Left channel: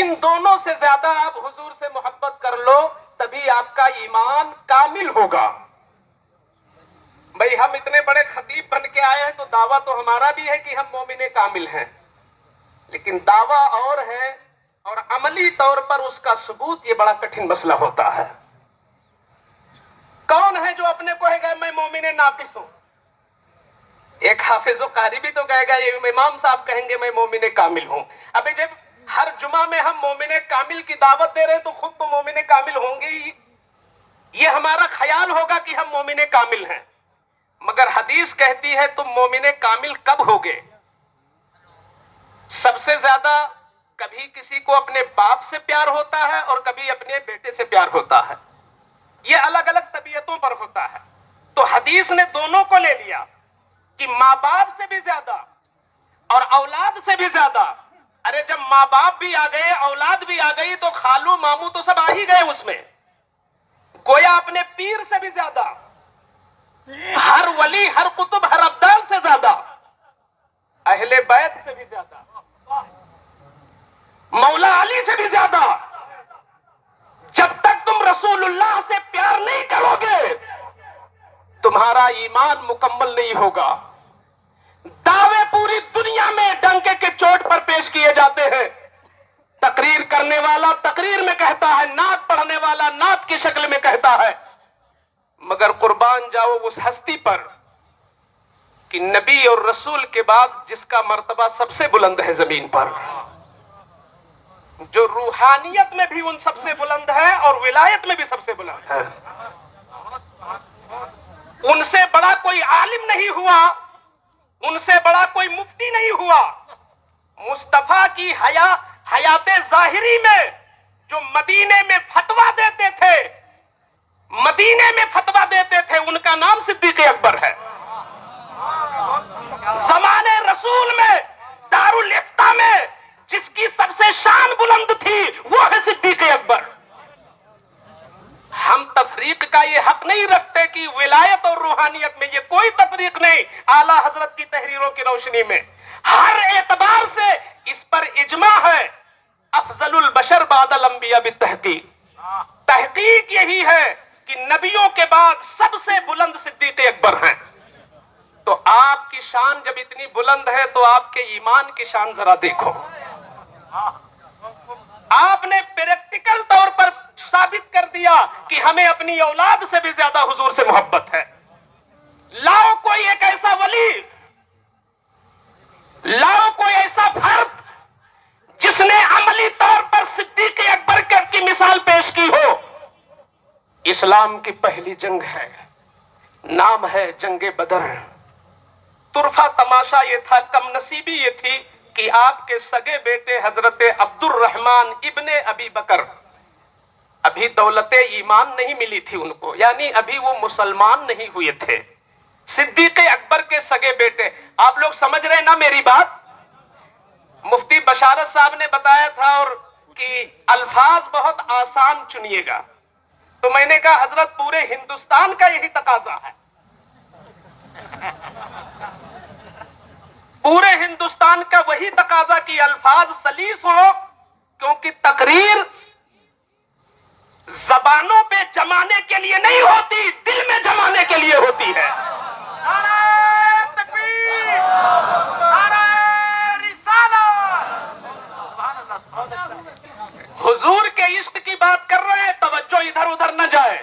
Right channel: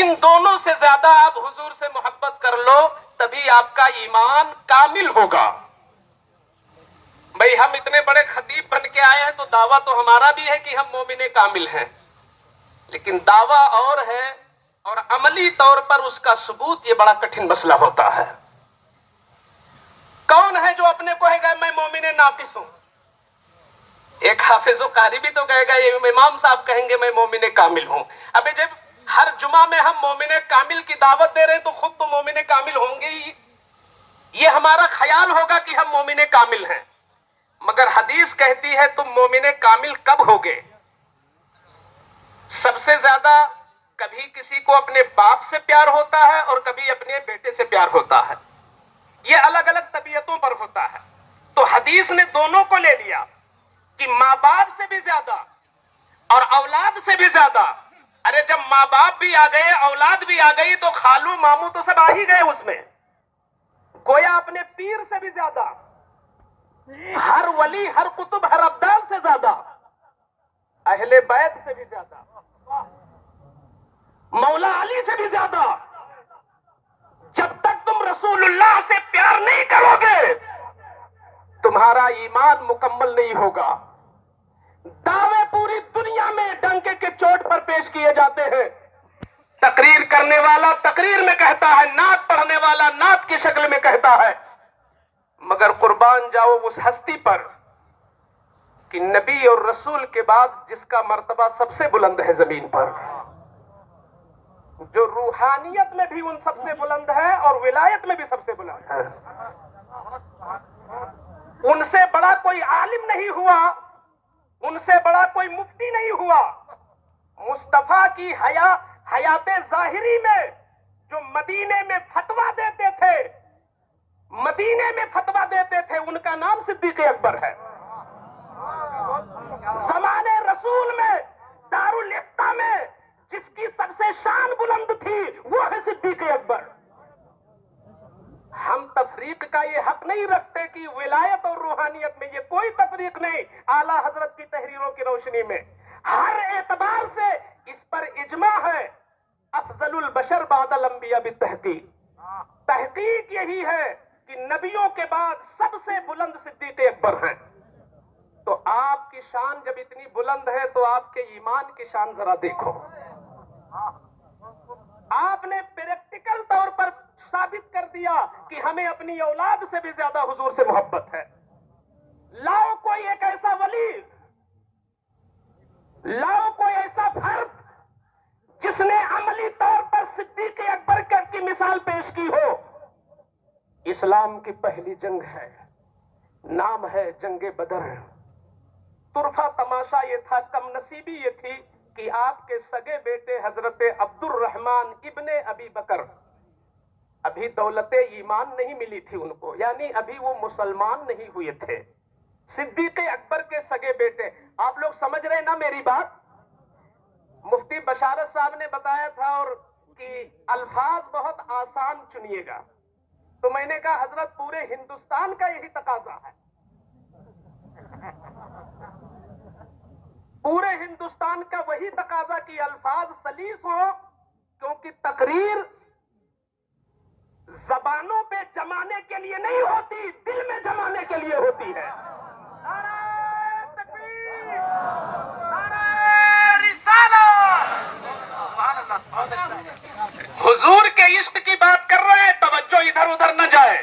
ان دونوں سے زیادہ آپ حضور سے محبت کر لو تبھی آپ کا ایمان کامل ہوگا۔ بھئی ہم اتنے بڑے خطیب بن کے آئے ہیں تو دعویٰ تو ہمارا بھی ہے کہ ہم مومن کامل ہیں، لیکن دعویٰ اور ہے اور عملی طور پر اس کا ثبوت یہ بڑا کٹھن مسئلہ ہوتا ہے۔ کون ہے جو اپنے کو کہے گا میں مومن ناقص ہوں؟ ایک حافظ و قاری بھی تو کہے گا، یہ امام صاحب کہیں گے میں مومن کامل ہوں۔ ابھی جب ہر جمعہ میں ہم مومن کامل کی دعوت دے رہے ہیں تو خود تو مومن کامل ہوں گے ہی، یہ ہمارا خیال ہوگا کہ ہم مومن کامل ہیں، مگر حدیث کہتی ہے تم مومن کامل کب ہوگے؟ سب سے زیادہ کبھی کسی کو اپنے باپ سے پیار ہوتا ہے اور کبھی اپنے بیٹے سے پیار ہوتا ہے، یہ الگ الگ طبیعتوں پر ہوتا ہے۔ تو حدیث نے دونوں کو لے لیا کہ ماں باپ سے بھی زیادہ اور اولاد سے بھی زیادہ۔ ارے جب ماں باپ بھی آ گئے اولاد بھی آ گئی تو خالو ماموں تو سب آ ہی گئے اس میں، گویا اپنے پیر سے بھی زیادہ، ہر ولی ہر قطب ہر ابدال سے زیادہ، اہل بیت سے بھی زیادہ، مولا علی سے بھی زیادہ۔ جب تک تم رسول اللہ سے پیار نہیں کرو گے تمہارا ایمان مکمل نہیں ہوگا۔ دعوے پوری دنیا میں ڈنکے کے چوٹ پر پیش کیے جاتے ہیں، تقریر کرنے والا تقریر میں کہتا ہے، نعت پڑھنے والا نعت کی شکل میں کہتا ہے، مگر قربان جاؤ اس ہستی پر کہ نبی اور رسول کے بعد جس کا مرتبہ سب سے بلند ہے زمین پر، جو روحانیت میں بھی ان سب سے بلند ہے اور ولایت میں بھی سب سے بلند ہے، ان سے بڑا کوئی عالم نہیں ہوا، ان سے بڑا کوئی مفتی نہیں ہوا۔ مصطفیٰ کی حیات ظاہری میں جو مدینے میں فتویٰ دیتے تھے، مدینے میں فتویٰ دیتے تھے، ان کا نام صدیق اکبر ہے۔ زمانے رسول میں دارالافتاء میں جس کی سب سے شان بلند تھی وہ ہے صدیق اکبر۔ ہم تفریق کا یہ حق نہیں رکھتے کہ ولایت اور روحانیت میں یہ کوئی تفریق نہیں، اعلیٰ حضرت کی تحریروں کی روشنی میں ہر اعتبار سے اس پر اجماع ہے۔ افضل البشر بعد الانبیاء بالتحقیق، تحقیق یہی ہے کہ نبیوں کے بعد سب سے بلند صدیق اکبر ہیں۔ تو آپ کی شان جب اتنی بلند ہے تو آپ کے ایمان کی شان ذرا دیکھو۔ آپ نے پریکٹیکل طور پر ثابت کر دیا کہ ہمیں اپنی اولاد سے بھی زیادہ حضور سے محبت ہے۔ لاؤ کوئی ایک ایسا ولی، لاؤ کوئی ایسا فرد جس نے عملی طور پر صدیق اکبر کی مثال پیش کی ہو۔ اسلام کی پہلی جنگ ہے، نام ہے جنگ بدر۔ طرفہ تماشا یہ تھا، کم نصیبی یہ تھی کہ آپ کے سگے بیٹے حضرت عبد الرحمن ابن ابی بکر، ابھی دولت ایمان نہیں ملی تھی ان کو، یعنی ابھی وہ مسلمان نہیں ہوئے تھے۔ صدیق اکبر کے سگے بیٹے، آپ لوگ سمجھ رہے ہیں نا میری بات؟ مفتی بشارت صاحب نے بتایا تھا اور کہ الفاظ بہت آسان چنیے گا، تو میں نے کہا حضرت پورے ہندوستان کا یہی تقاضا ہے، پورے ہندوستان کا وہی تقاضا کہ الفاظ سلیس ہو، کیونکہ تقریر زبانوں پہ جمانے کے لیے نہیں ہوتی، دل میں جمانے کے لیے ہوتی ہے۔ نعرہ تکبیر، نعرہ رسالت۔ حضور کے عشق کی بات کر رہے ہیں، توجہ ادھر ادھر نہ جائے،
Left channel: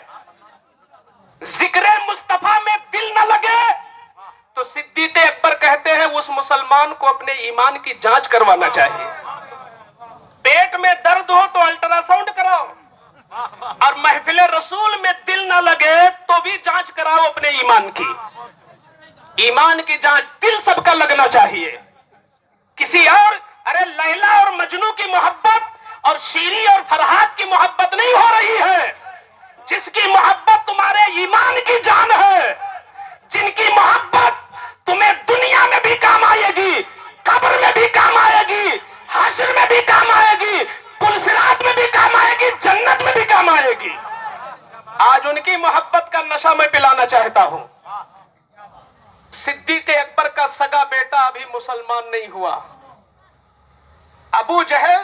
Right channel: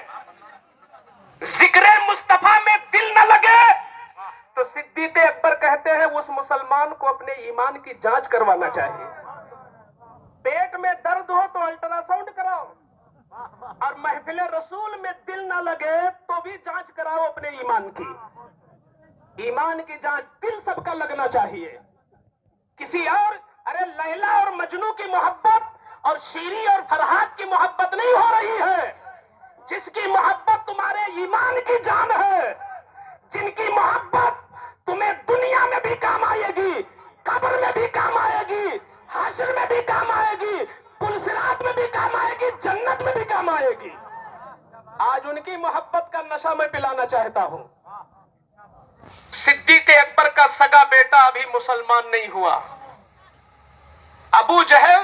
ذکر مصطفیٰ میں دل نہ لگے تو صدیق اکبر کہتے ہیں اس مسلمان کو اپنے ایمان کی جانچ کروانا چاہیے۔ پیٹ میں درد ہو تو الٹرا ساؤنڈ کراؤ، اور محفل رسول میں دل نہ لگے تو بھی جانچ کراؤ اپنے ایمان کی۔ ایمان کی جانچ دل سب کا لگنا چاہیے، کسی اور، ارے لیلا اور مجنو کی محبت اور شیری اور فرحات کی محبت نہیں ہو رہی ہے، جس کی محبت تمہارے ایمان کی جان ہے، جن کی محبت تمہیں دنیا میں بھی کام آئے گی، قبر میں بھی کام آئے گی، حشر میں بھی کام آئے گی، پل صراط میں بھی کام آئے گی، جنت میں بھی کام آئے گی۔ آج ان کی محبت کا نشہ میں پلانا چاہتا ہوں۔ صدیق اکبر کا سگا بیٹا ابھی مسلمان نہیں ہوا، ابو جہل